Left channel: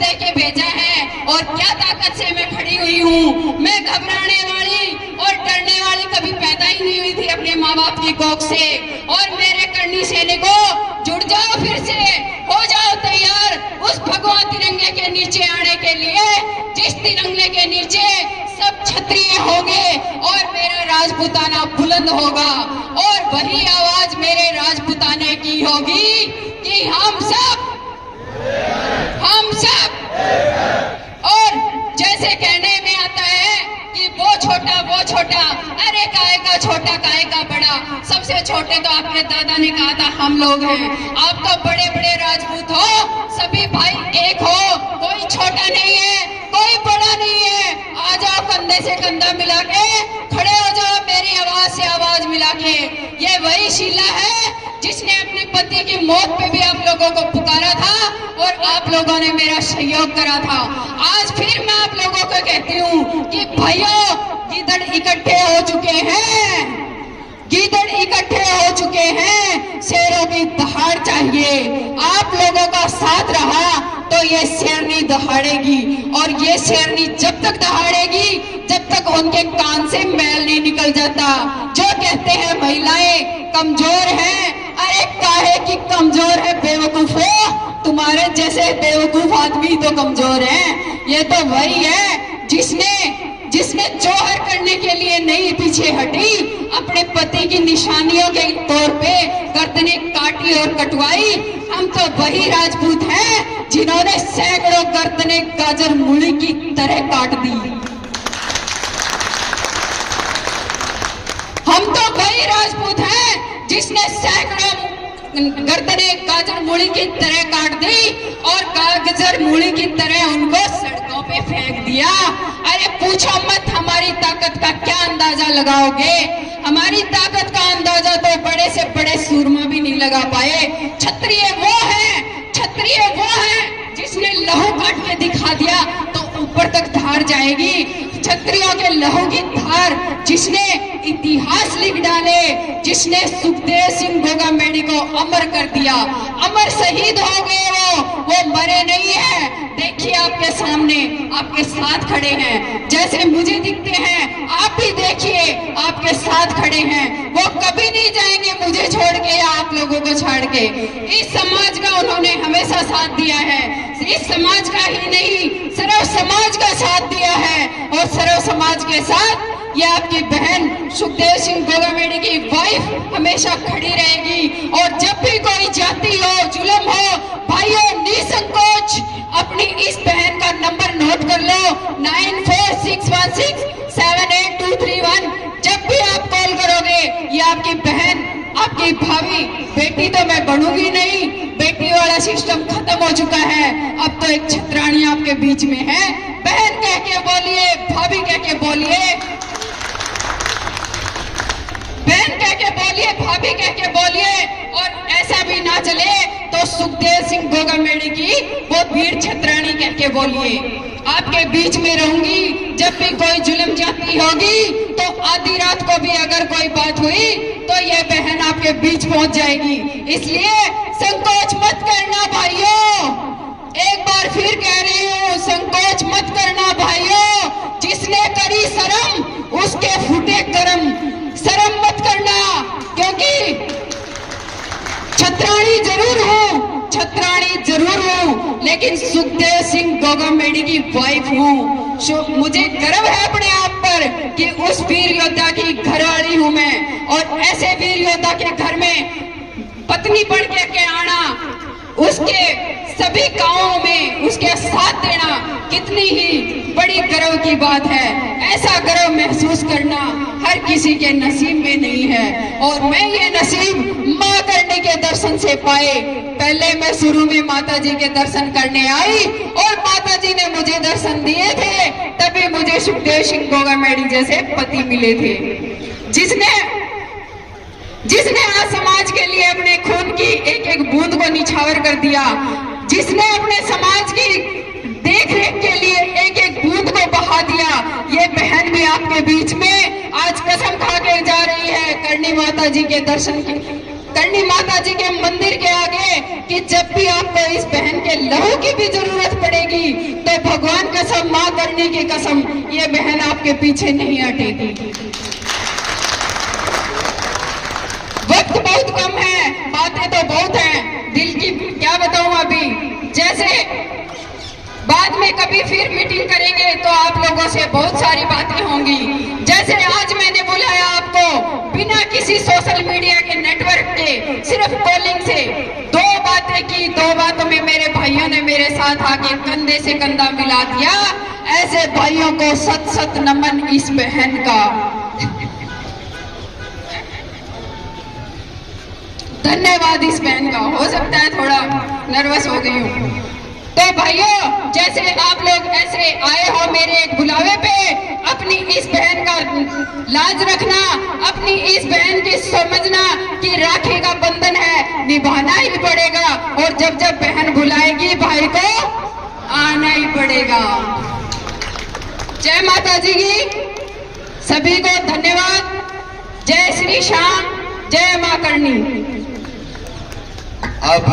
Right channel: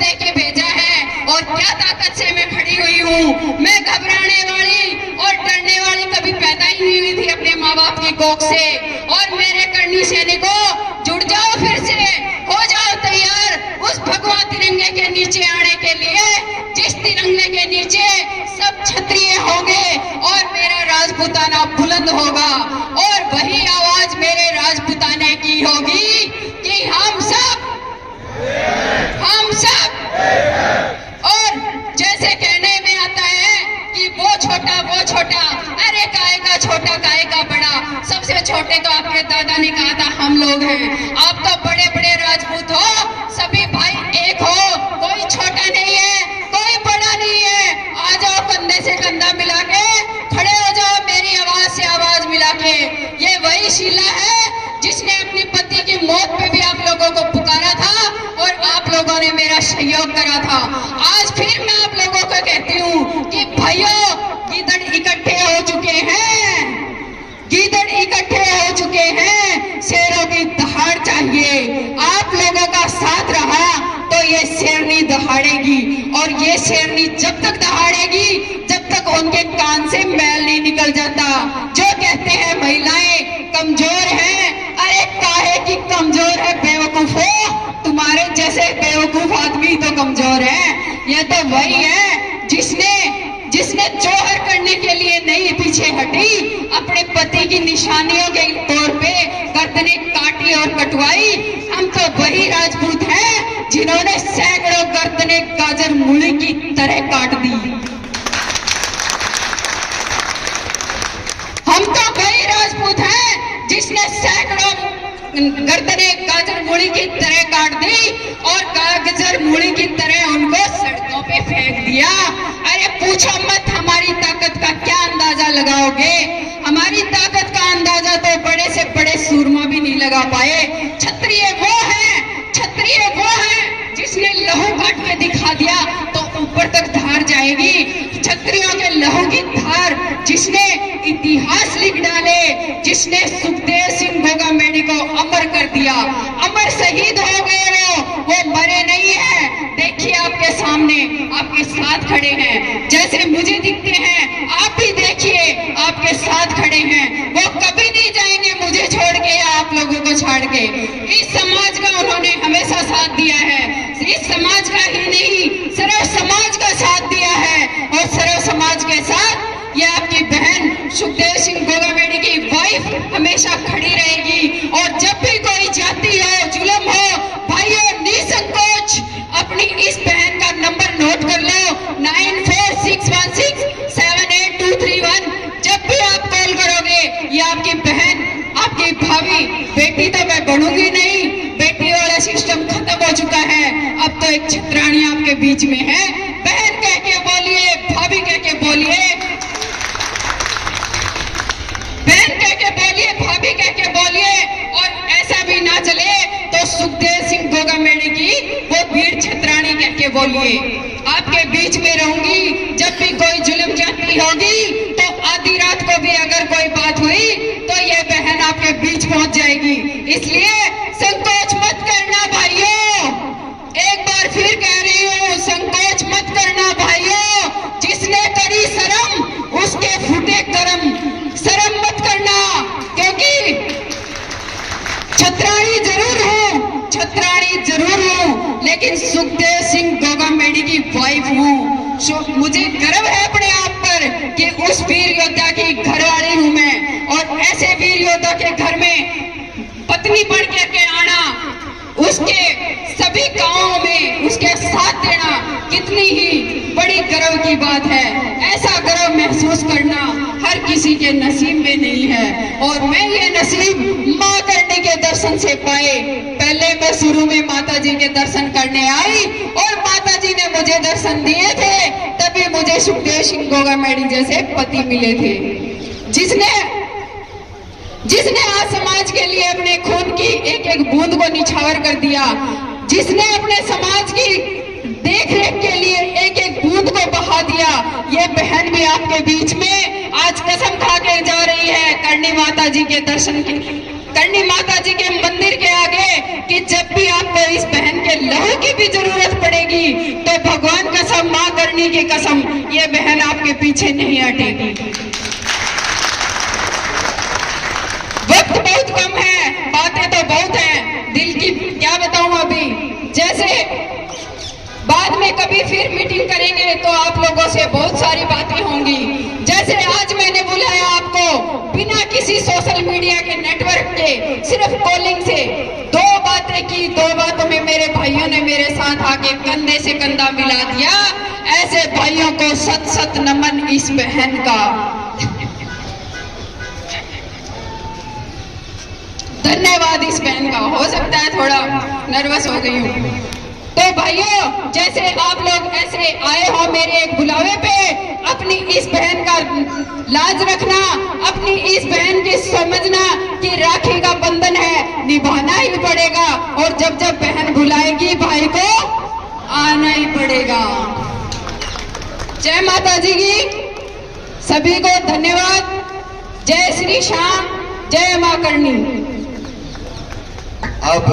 दे के भेजा है और क्या ताकत से मैं खड़ी हुई हूँ। मैं घबराने वाली और डरने वाली कभी पैदा ही नहीं हुई थी अपने माँ बाप की कोख से। और मेरे कर्णी सैनिकों, जुड़ जाओ, फिर से हो जाओ तैयार उस भगवा तिरंगे के नीचे आने के लिए, जिस तिरंगे के नीचे सब क्षत्रिय होंगे और मेरा राजपूताना बुलंद होगा। और वही आवाज मेरे राजपूताने की होगी कि हम सब और जैसे कहने में आता है कि वो छोटा, अरे काय का छोटा काय का बड़ा, सबसे छोटे तो आपके दादा ने कहा था हम लोग हैं। आप तो बड़े बड़े राजपूत हो, सभी भाई एक हो, कोई छोटा नहीं है, कोई बड़ा नहीं है। आ जाओ, कंधे से कंधा मिला के खड़े हो जाओ, मेरी आवाज से आवाज मिला के। ये वही शीला है जिसने अपने पति की मौत पे भी आप लोगों को पुकारा था और आप लोगों ने मेरा सहयोग करा था। आज फिर मैं आप लोगों को कहती हूँ कि भाइयों, गीदड़ इकट्ठे हो चुके हैं, गीदड़ इकट्ठे हो चुके हैं, शेरों की दहाड़ चाहिए। आप लोगों का साथ रहा तो ये शेरनी दहाड़ेगी, और ये शेरनी जब तक दहाड़ेगी जब तक उनके कान से मैल नहीं निकल जाता। जो कहते हैं महिलाएं कमजोर हैं, अरे काहे की कमजोर है बेवकूफो, तुम्हारे जैसे बेवकूफ आदमी तो कमजोर हैं। ये तो वही है जिसने जोहर करने के लिए नहीं पीछे हटी, अपने पति की निशानियों के तौर पे गर्दनें काटी और कटवाई। हम तो वही राजपूत हैं जिन्होंने सैकड़ों गर्दनें गाजर मूली की तरह काट दी। हम तो वही राजपूत हैं जिसने सैकड़ों गर्दनें गाजर मूली की तरह काट दी और गाजर मूली की तरह उनको सड़कों पे फेंक दिया। अरे पूछो मत हमारी ताकत का क्या अंदाजा लगाओगे। हमारी ताकत का अंदाजा तो बड़े से बड़े सूरमा भी नहीं लगा पाए। क्षत्रिय वो है जिसने लहू काट के दिखा दिया तो ऊपर तक धार जाएगी। क्षत्रियों के लहू की धार जिसने इतिहास लिख डाले, जिसने सुखदेव सिंह गोगामेडी को अमर कर दिया, अमर शहीद हो गए। वो मरे नहीं है। देखिए आपके सामने, आपके साथ खड़े हैं, जैसे मुझे दिखते हैं आप भी देखिए आपके साथ खड़े हैं। वो कभी नहीं जाएंगे मुझे छोड़ के या आप लोगों को छोड़ के। इस समाज का उन्होंने हमेशा साथ दिया है। इस समाज का ही नहीं, सर्व समाज का साथ दिया है। और सर्व समाज के साथ ये आपकी बहन सुखदेव सिंह गोगामेडी की वाइफ हमेशा खड़ी रहेगी। और जब भी कोई जाति हो, जुल्म हो, भाइयों निसंकोच अपनी इस बहन का नंबर नोट कर लो, 9461678231। जब भी आप कॉल करोगे, ये आपकी बहन, आपकी भाभी, बेटी तो मैं बनूंगी नहीं, बेटी वाला सिस्टम खत्म हो चुका है। अब तो एक छत्राणी आपके बीच में है। बहन कह के बोलिए, भाभी कह के बोलिए, बहन कह के बोलिए, भाभी कह के बोलिए। और ऐसा भी ना चले तो सुखदेव सिंह गोगामेडी की वो वीर छत्राणी कह के बोलिए। आपके बीच में रहूंगी। जब भी कोई जुल्म जाती होगी तो आधी रात को भी अगर कोई बात हुई तो ये बहन आपके बीच पहुंच जाएगी। इसलिए संकोच मत करना भाइयों, एक बार फिर कह रही हूँ, संकोच मत करना भाइयों। जिसने करी शर्म उसके फूटे करम, शर्म मत करना, क्योंकि छत्राणी जरूर हूँ, लेकिन सुखदेव सिंह गोगामेडी की वाइफ हूँ। मुझे गर्व है अपने आप पर कि उस वीर योद्धा की घरवाली हूँ मैं। और ऐसे वीर योद्धा के घर में पत्नी बढ़ के आना, उसके सभी गांवों में उसके साथ देना कितनी ही बड़ी गर्व की बात है। ऐसा गर्व महसूस करना हर किसी के नसीब में नहीं है। और मैं ये नसीब माँ करनी के दर्शन से पाए। पहले मैं शुरू में माता जी के दर्शन करने आई और माता जी ने मुझे दर्शन दिए थे, तभी मुझे सुखदेव सिंह गोगामेडी जैसे पति मिले थे, जिसने आज समाज के लिए अपने खून की एक एक बूंद को निछावर कर दिया, जिसने अपने समाज की देख रेख के लिए एक एक बूंद को बहा दिया। ये बहन भी आपके बीच में आज कसम खा के जा रही है करणी माता जी के दर्शन करनी माता जी के मंदिर के आगे कि जब भी आपको इस बहन के लहू की भी जरूरत पड़ेगी तो भगवान कसम, माँ करनी की कसम, ये बहन आपके पीछे नहीं हटेगी। वक्त बहुत कम है, बातें तो बहुत हैं, दिल की क्या बताऊं अभी। जैसे बाद में कभी फिर मीटिंग करेंगे तो आप लोगों से बहुत सारी बातें होंगी। जैसे आज मैंने बुलाया आपको बिना किसी सोशल मीडिया के नेटवर्क के, सिर्फ कॉलिंग से 2 बातें की। 2 बातों में मेरे भाइयों ने मेरे साथ आके कंधे से कंधा मिला दिया। ऐसे भाइयों को सत सत नमन इस बहन का। धन्यवाद इस बहन का। हो सकता है थोड़ा नर्वस हो गई हूँ। तो भाइयों, जैसे आप लोग ऐसे आए हो मेरे एक बुलावे पे, अपनी इस बहन का लाज रखना, अपनी इस बहन की समझना कि राखी का बंधन है, निभाना ही पड़ेगा। और जब जब बहन बुलाएगी भाई को आना ही पड़ेगा। जय माता जी की। सभी को धन्यवाद। जय श्री श्याम, जय मां करनी। अब